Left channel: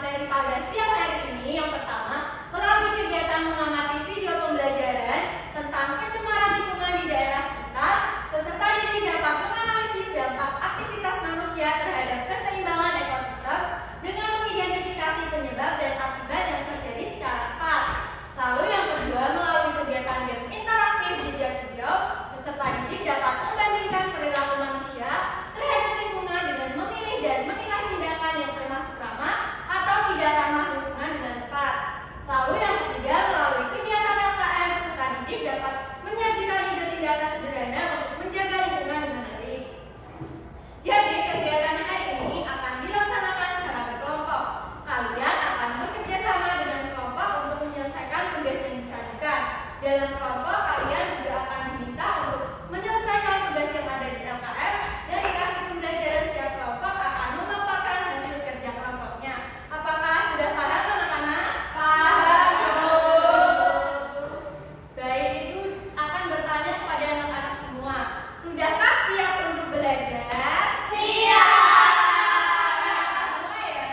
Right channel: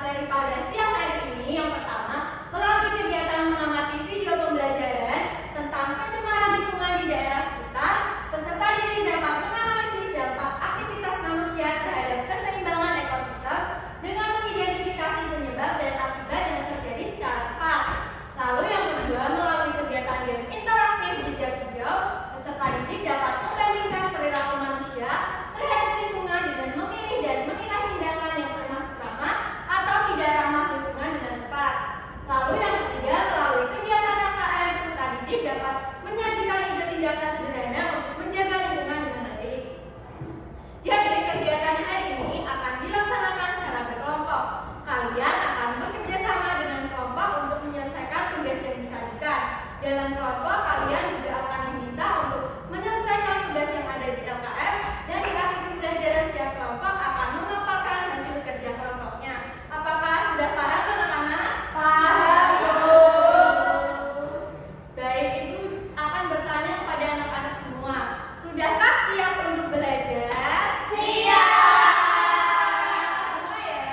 materi pada siang hari ini yang pertama melalui kegiatan mengamati video pembelajaran tentang pencemaran lingkungan di daerah sekitar. Peserta didik dapat menganalisis dampak aktivitas manusia terhadap keseimbangan ekosistem dengan mengidentifikasi penyebab dan akibat yang terjadi secara tepat. Lalu yang kedua, melalui kegiatan game interaktif jejak hijau, peserta didik dapat membandingkan perilaku manusia terhadap lingkungan dengan memilih dan menilai tindakan yang termasuk ramah atau tidak ramah lingkungan dengan tepat. Lalu yang ketiga, melalui kegiatan LKM, peserta didik dapat menyajikan ide tindakan sederhana untuk menjaga lingkungan dengan baik. Jadi kegiatan hari ini akan dilaksanakan secara berkelompok. Kalian akan bekerja sama dengan kelompok untuk menyelesaikan tugas yang disajikan. Dalam kelompok, kalian juga akan diminta untuk menyelesaikan tugas yang ada di LKM, dan di akhir pembelajaran setiap kelompok akan memaparkan hasil kerja kelompoknya. Apakah sudah paham anak-anak? Paham. Baik, Ibu akan bertanya kepada anak-anak semua. Sudahkah siap untuk belajar? Siap. Semua ya?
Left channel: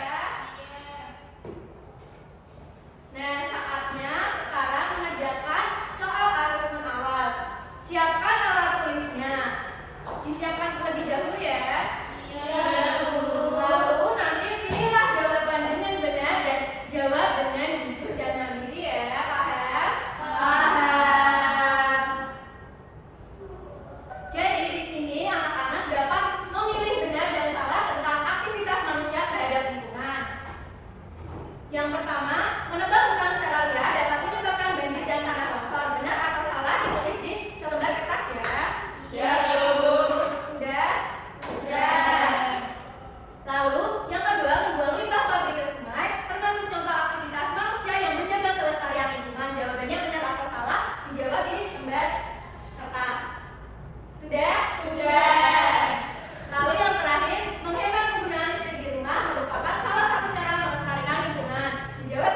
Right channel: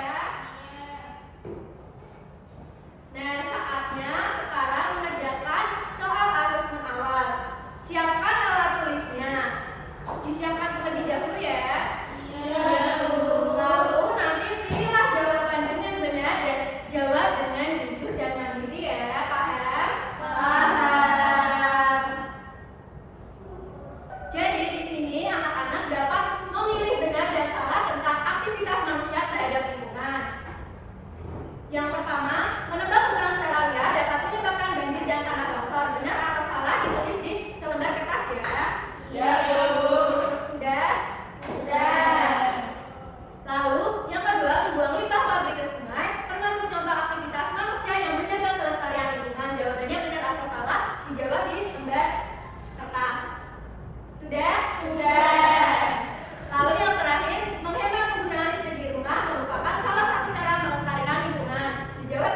Nah, saatnya sekarang mengerjakan soal asesmen awal. Siapkan alat tulisnya. Disiapkan terlebih dahulu ya. Iya. Lalu nanti pilihlah jawaban dengan benar dan jawab dengan jujur dan mandiri ya. Paham? Paham. Jadi di sini anak-anak dapat memilih benar dan salah tentang aktivitas manusia terhadap lingkungan. Yang pertama, menebang hutan secara liar dapat menyebabkan banjir dan tanah longsor. Benar atau salah ditulis di selembar kertas ya. Iya, Bu. Sudah? Sudah. Lalu, yang kedua, membuang limbah pabrik ke sungai termasuk contoh aktivitas manusia yang menjaga kelestarian lingkungan. Jawabannya benar atau salah dijawab di lembar kertas. Sudah? Sudah. Lalu yang terakhir, menghemat penggunaan listrik di rumah merupakan salah satu cara melestarikan lingkungan. Dijawab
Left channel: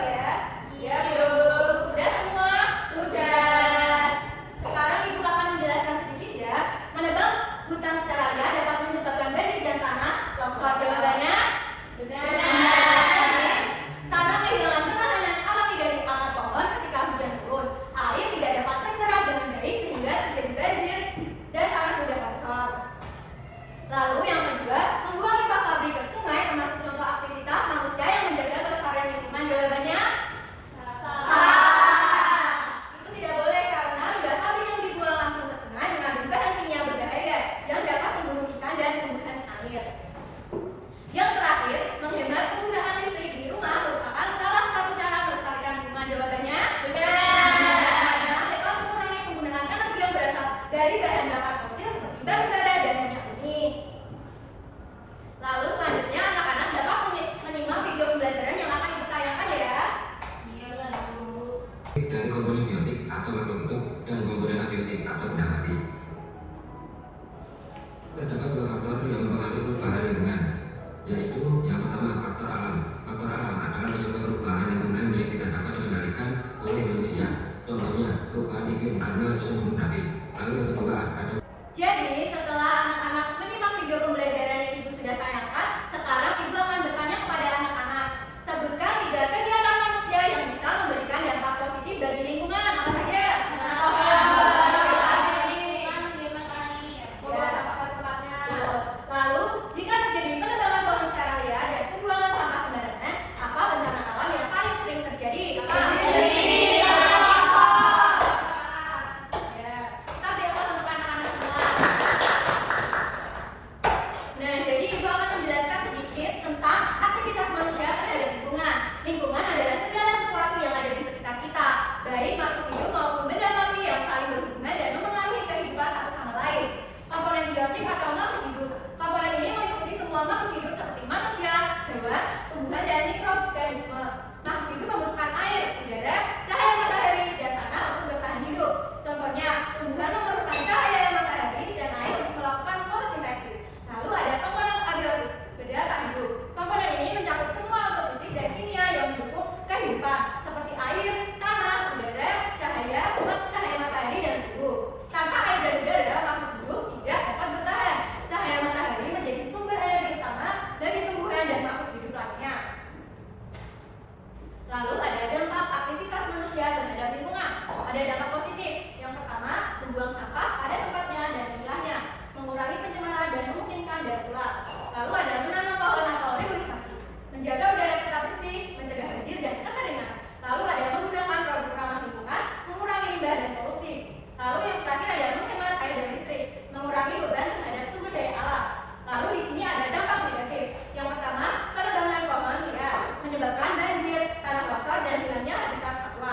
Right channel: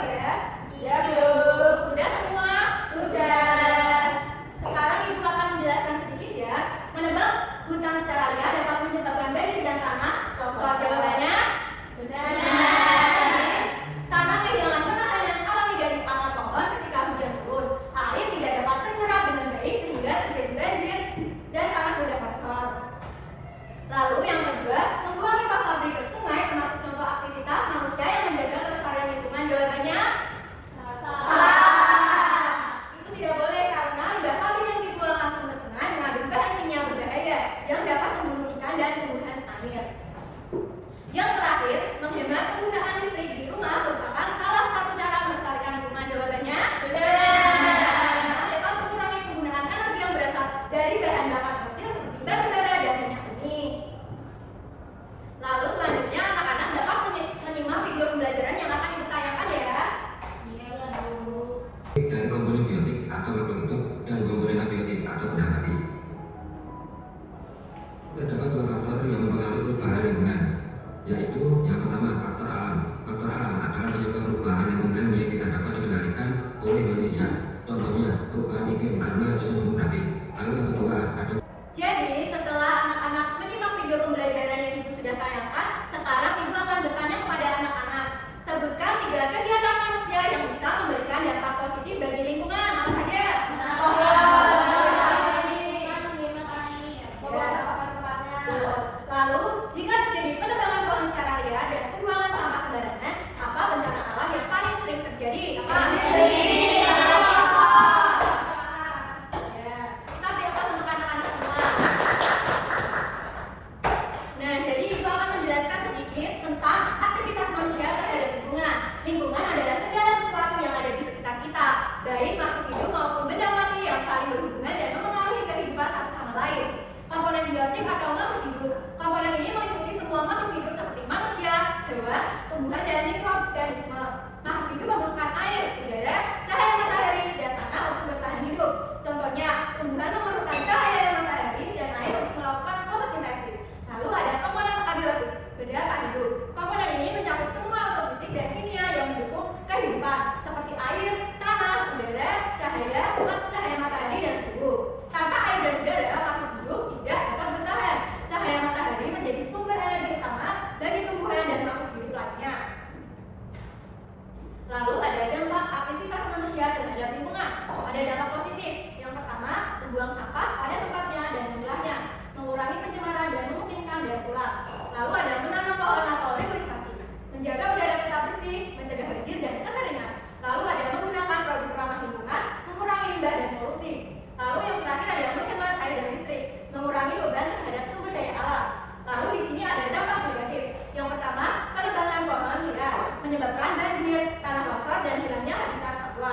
ada dampak aktivitas manusia terhadap lingkungan. Ada dampak positif. Yang pertama, membuang sampah pada tempatnya dan memilahnya, mengurangi pencemaran dan memungkinkan daur ulang. Lalu ada menanam pohon atau reboisasi, menjaga udara tetap bersih, mencegah banjir dan kekeringan. Lalu ada menggunakan produk ramah lingkungan, mengurangi limbah dan polusi. Lalu yang terakhir ada menghemat air dan listrik, mengurangi beban terhadap sumber daya alam. Lalu di sini ada dampak negatif. Yang pertama, penebangan pohon liar menyebabkan banjir, tanah longsor dan hilangnya habitat satwa.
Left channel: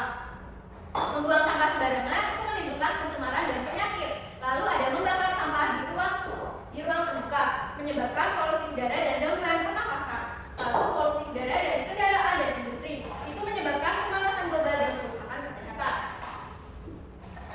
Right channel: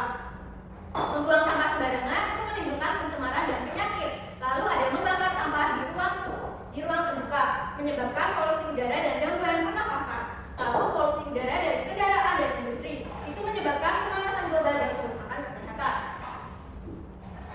Membuang sampah sembarangan itu menimbulkan pencemaran dan penyakit. Lalu ada membakar sampah di ruang terbuka, menyebabkan polusi udara dan gangguan pernapasan. Lalu polusi udara dari kendaraan dan industri itu menyebabkan pemanasan global dan kerusakan kesehatan.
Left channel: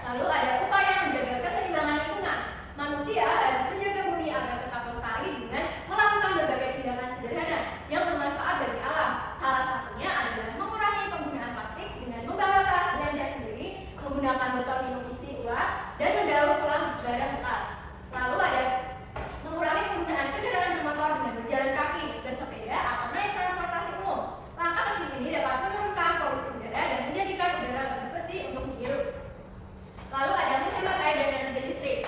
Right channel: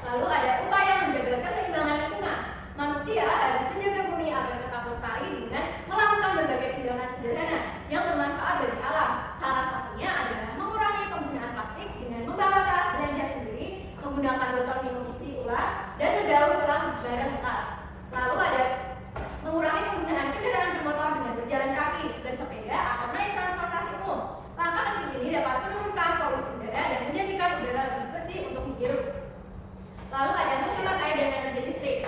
Lalu ada upaya menjaga keseimbangan lingkungan. Manusia harus menjaga bumi agar tetap lestari dengan melakukan berbagai tindakan sederhana yang bermanfaat bagi alam. Salah satunya adalah mengurangi penggunaan plastik dengan membawa tas belanja sendiri, menggunakan botol minum isi ulang, dan mendaur ulang barang bekas. Lalu ada mengurangi penggunaan kendaraan bermotor dengan berjalan kaki, bersepeda, atau naik transportasi umum. Langkah kecil ini dapat menurunkan polusi udara dan menjadikan udara lebih bersih untuk dihirup. Lalu ada menghemat air dan energi listrik,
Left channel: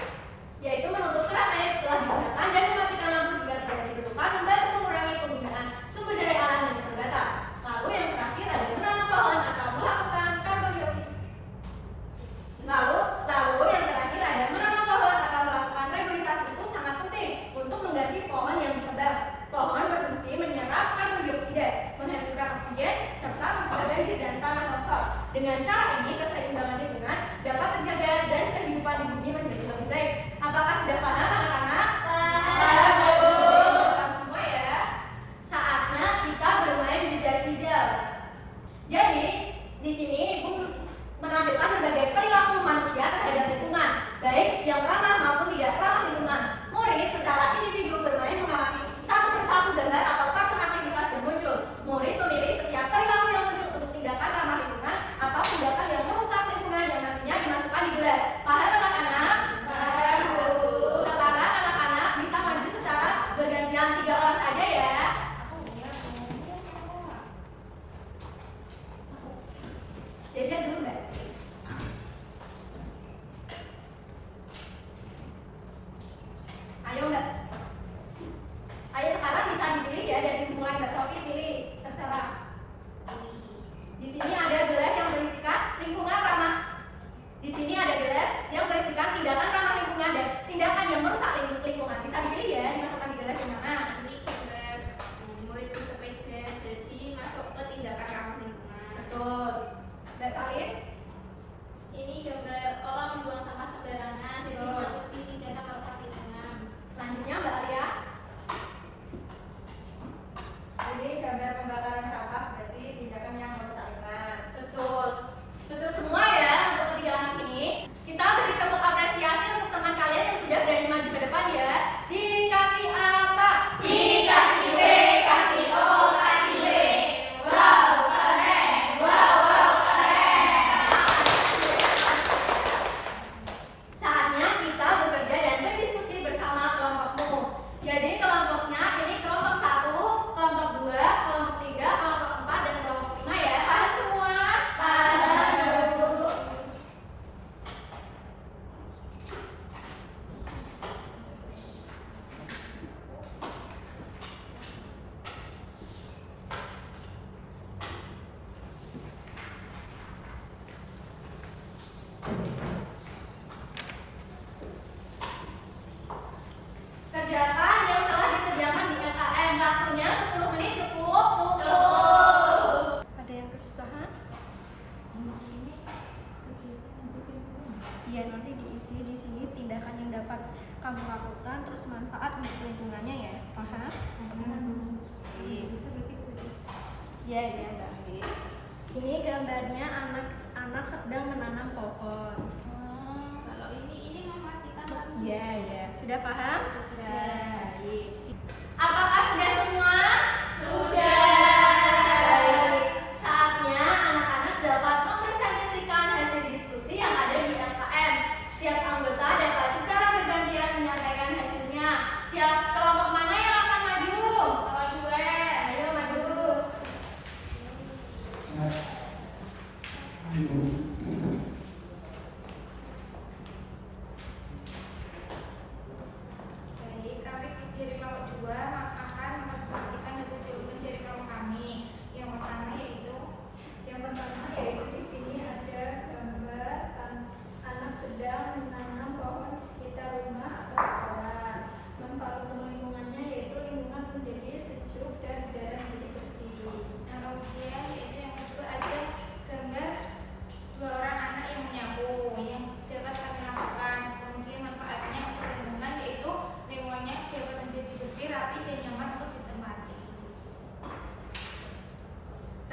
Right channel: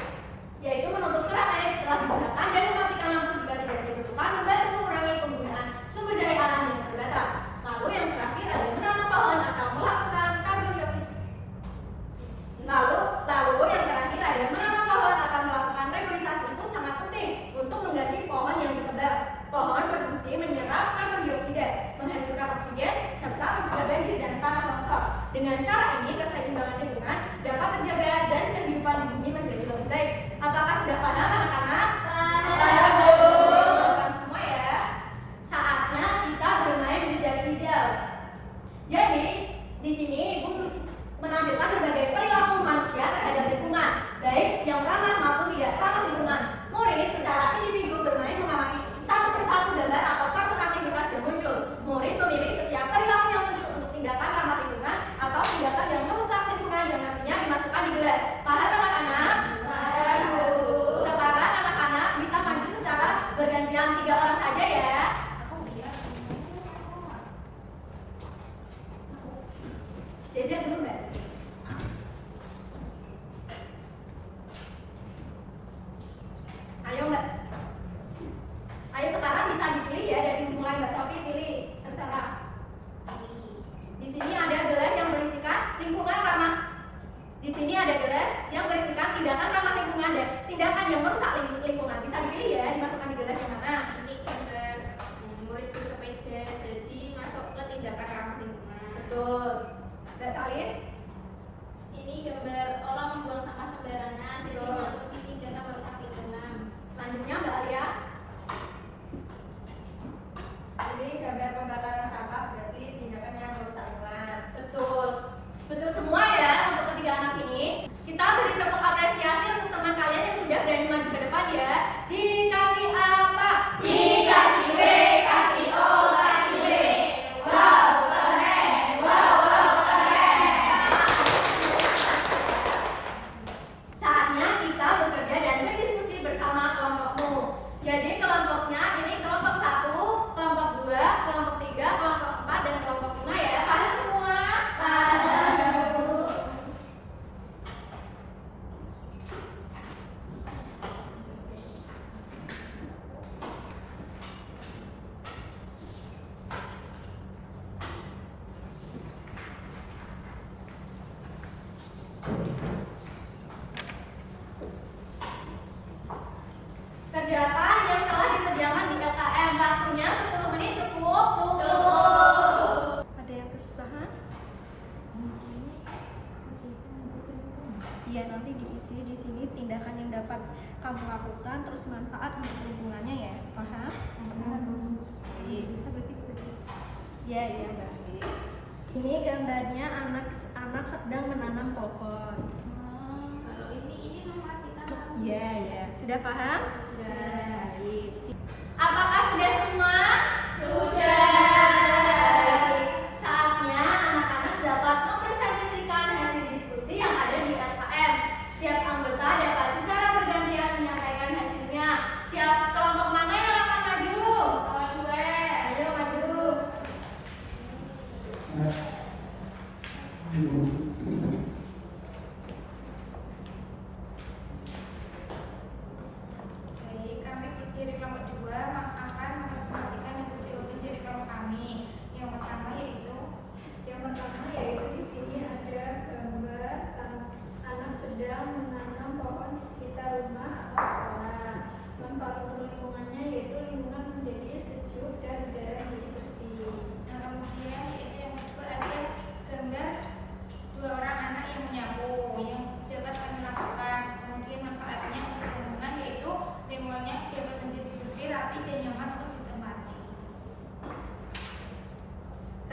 yaitu menutup keran air setelah digunakan dan mematikan lampu jika tidak dibutuhkan, membantu mengurangi penggunaan sumber daya alam yang terbatas. Lalu yang terakhir ada menanam pohon atau melakukan karbon dioksida. Lalu yang terakhir ada menanam pohon atau melakukan reboisasi. Itu sangat penting untuk mengganti pohon yang ditebang. Pohon berfungsi menyerap karbon dioksida, menghasilkan oksigen, serta mencegah banjir dan tanah longsor. Dengan cara ini, keseimbangan lingkungan dapat terjaga dan kehidupan di bumi menjadi lebih baik. Apakah sudah paham anak-anak? Paham semua ya. Saatnya kita bermain jejak hijau. Jadi, di sini Ibu menampilkan berbagai perilaku manusia terhadap lingkungan, baik yang ramah maupun tidak ramah lingkungan. Murid secara individu bermain mengamati satu persatu gambar atau kartu aktivitas yang muncul. Murid memilih setiap perilaku yang muncul untuk tindakan ramah lingkungan atau tindakan yang merusak lingkungan yang nantinya dimasukkan di gelas. Paham anak-anak? Paham, Bu. Sekarang anak-anak bisa maju secara bergantian 3 orang saja ya. Jajan dulu Mbak. Ayo Mbak. Ayo sekarang bisa dipilih ya, dari mulai Mbak Sofi pilih, terserah. Di sini ada gelas yang berisikan lingkungan ramah. Di sini ada gelas yang berisikan tindakan ramah lingkungan dan tindakan yang merusak lingkungan. Bisa dipilih ya, dimasukkan di gelas yang mana. Ini gambar murid bersepeda, jadi masuk ke tindakan ramah lingkungan. Betul. Mbak Salis? Ini gambar orang membuang sampah sembarangan, jadi masuk di tindakan merusak lingkungan. Selanjutnya Mbak Alia. Ini gambar pembakaran sampah, berarti tindakan yang merusak lingkungan. Betul. Betul semua ya untuk ketiga anak ini. Kita beri tepuk apresiasi untuk teman kalian yang sudah berani maju ke depan ya. Dikasih apa? Dikasih B, kasih O, kasih B. Wow, keren. Wow, keren. Saatnya kita bekerja dan berdiskusi bersama kelompokmu. Jadi kelompoknya ini kelompok 1, kelompok 2, kelompok 3, kelompok 4, dan kelompok 5 ya. Paham semua? Paham. Kerjakan yang telah disediakan di LKM. Waktunya 10 menit cukup? Cukup. Ada yang kesusahan? Iya, nanti diisi di sini tindakan yang dapat kamu lakukan, terus manfaat untuk lingkungannya ya. Paham? Bisa berpikir. Ya, baik. Ini gambarnya anak sedang menanam pohon. Kalau ini mematikan lampu. Iya. Sudah paham? Sudah. Baik. Apakah sudah semua? Sudah. Baik. Saatnya anak-anak dapat mempresentasikan hasil diskusi yang ada di LKM. Setiap anggota dapat secara bergantian menyampaikan hasilnya. Siap kelompok mana yang akan maju? Kelompok 2. Ayo maju.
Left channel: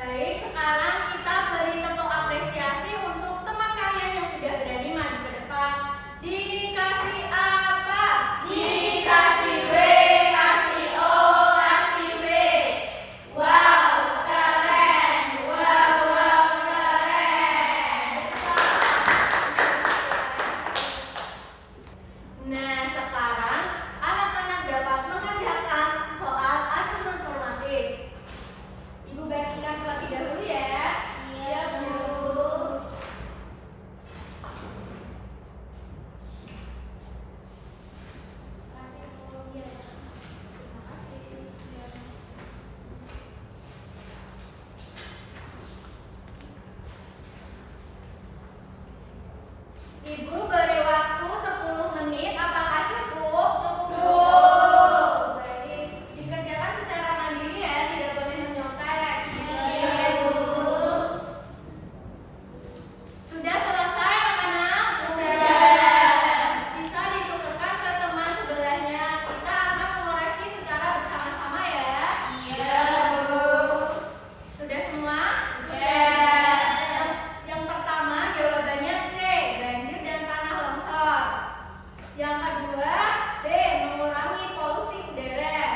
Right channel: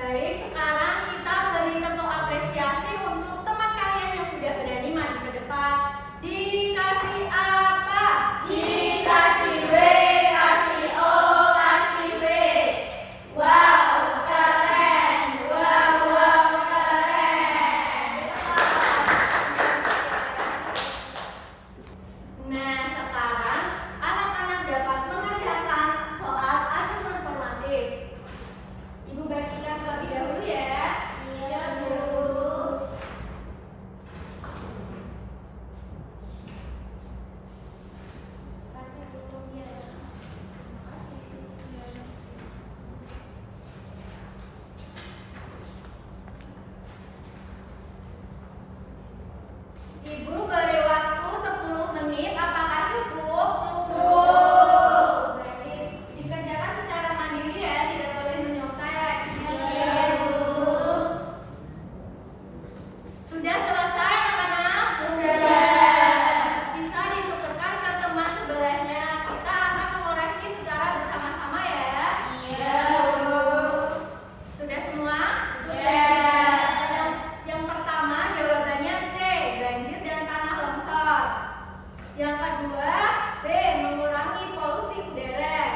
Baik, sekarang kita beri tepuk apresiasi untuk teman kalian yang sudah berani maju ke depan. Dikasih apa? Dikasih W, kasih O, kasih B. Wow, keren. Wow, wow, keren. Nah, sekarang anak-anak dapat mengerjakan soal asesmen formatif. Ibu bagikan terlebih dahulu ya. Iya, Bu. Kasih Bu. Ya. Ibu beri waktu 10 menit, apakah cukup? Cukup. Baik, dikerjakan secara mandiri ya, tidak boleh menyontek. Iya, Bu. Sudah selesai anak-anak? Sudah. Bisa ditukarkan ke teman sebelahnya. Kita akan mengoreksi secara bersama-sama ya. Iya, Bu. Sudah semua? Sudah. Yang pertama jawabannya C, banjir dan tanah longsor. Yang kedua B, mengurangi polusi udara.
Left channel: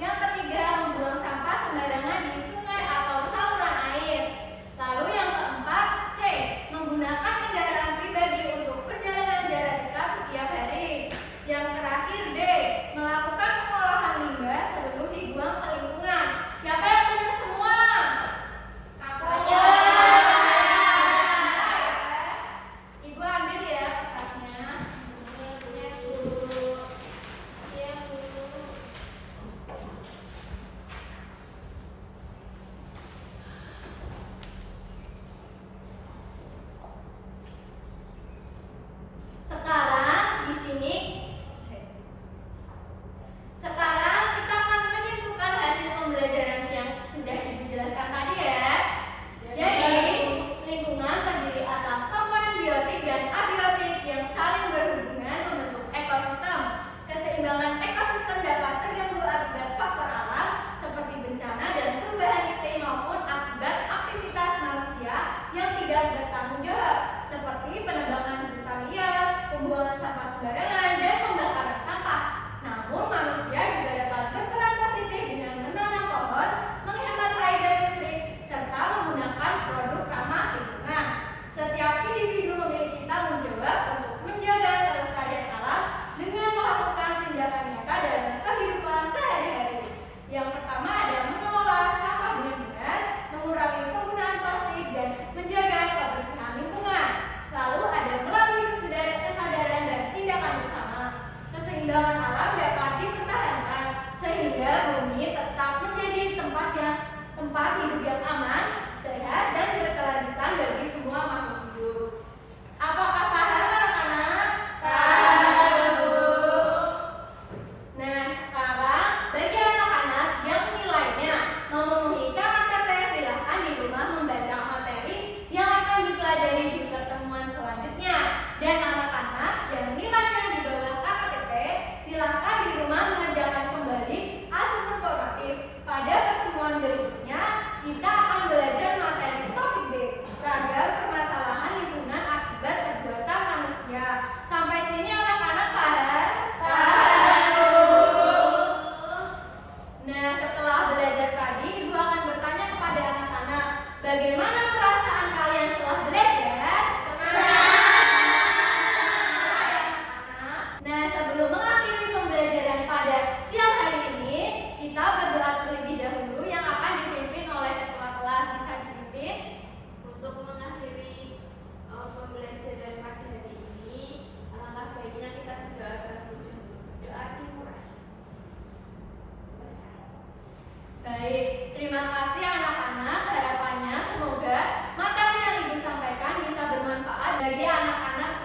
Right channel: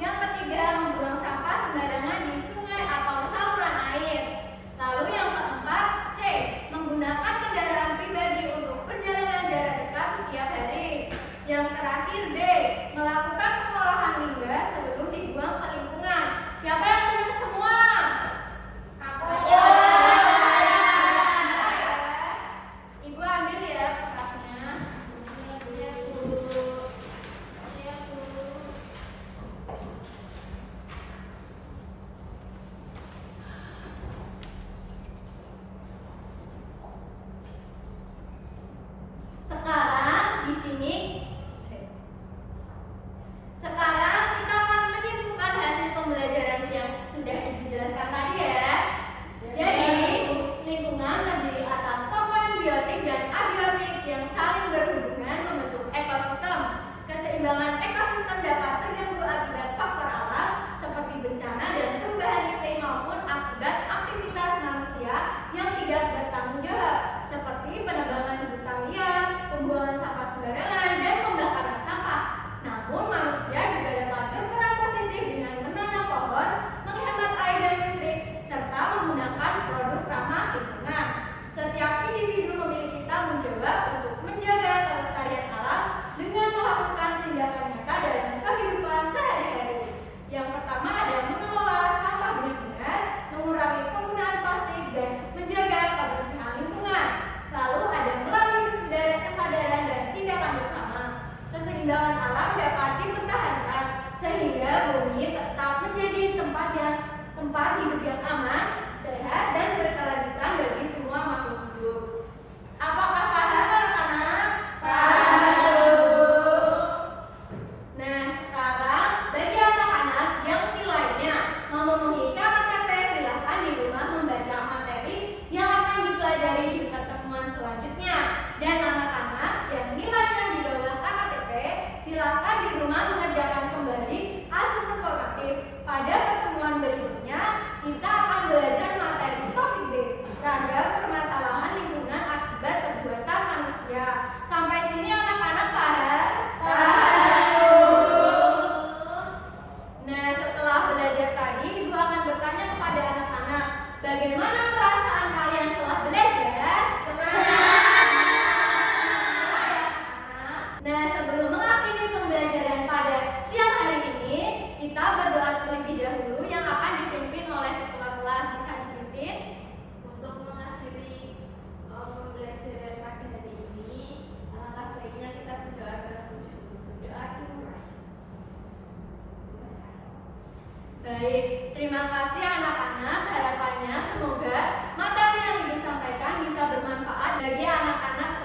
Yang ketiga, membuang sampah sembarangan di sungai atau saluran air. Lalu yang keempat C, menggunakan kendaraan pribadi untuk perjalanan jarak dekat setiap hari. Yang terakhir D, melakukan pengolahan limbah sebelum dibuang ke lingkungan. Siapa yang benar semua? Saya. Ibu ambil ya kertasnya. Iya, Bu. Iya, Bu. Sekarang di sini sekarang kita akan menyimpulkan hasil pembelajaran yang sudah Ibu jelaskan tadi ya. Jadi, lingkungan terdiri atas komponen biotik dan abiotik yang saling berhubungan membentuk ekosistem. Keseimbangan ekosistem dapat terganggu akibat faktor alam seperti bencana dan perubahan iklim maupun akibat aktivitas manusia yang tidak bertanggung jawab seperti penebangan hutan liar, pembuangan sampah sembarangan, dan pembakaran sampah. Namun manusia juga dapat berperan positif dengan menanam pohon, menghemat air dan listrik, serta menggunakan produk ramah lingkungan. Setiap individu memiliki tanggung jawab untuk menjaga kelestarian alam dengan melakukan tindakan nyata dalam kehidupan sehari-hari. Yang pertama ada mengelola sampah benar-benar, mengurangi penggunaan plastik, dan menjaga kebersihan lingkungan. Lalu ada melalui kesadaran dan tindakan bersama. Keseimbangan alam dapat dipertahankan sehingga bumi tetap menjadi tempat hidup yang aman, sehat, dan berkelanjutan bagi semua makhluk hidup. Apakah paham anak-anak? Nah, sekarang bagi anak-anak yang nilainya memenuhi KKTP, silahkan di rumah membaca materi yang akan dipelajari di pertemuan selanjutnya. Dan anak-anak yang nilainya di bawah KKTP, silahkan di rumah mengerjakan kembali asesmen formatif. Pada pertemuan berikutnya, kita akan belajar materi topik B, ragam permasalahan lingkungan akibat perbuatan manusia. Sampai sini anak-anak paham? Nah, setelah belajar tadi, Ibu akan bertanya kepada anak-anak, bagaimana perasaan kalian setelah belajar? Nah, sebelum mengakhiri pembelajaran pada siang hari ini, kita berdoa terlebih dahulu yang akan dipimpin oleh ketua kelas. Bisa dipimpin? Untuk mengakhiri pembelajaran pada hari ini, alangkah baiknya kita berdoa terlebih dahulu. Berdoa dimulai. Selesai. Baik, terima kasih anak-anak. Harapannya semoga materi yang Ibu sampaikan bisa bermanfaat bagi anak-anak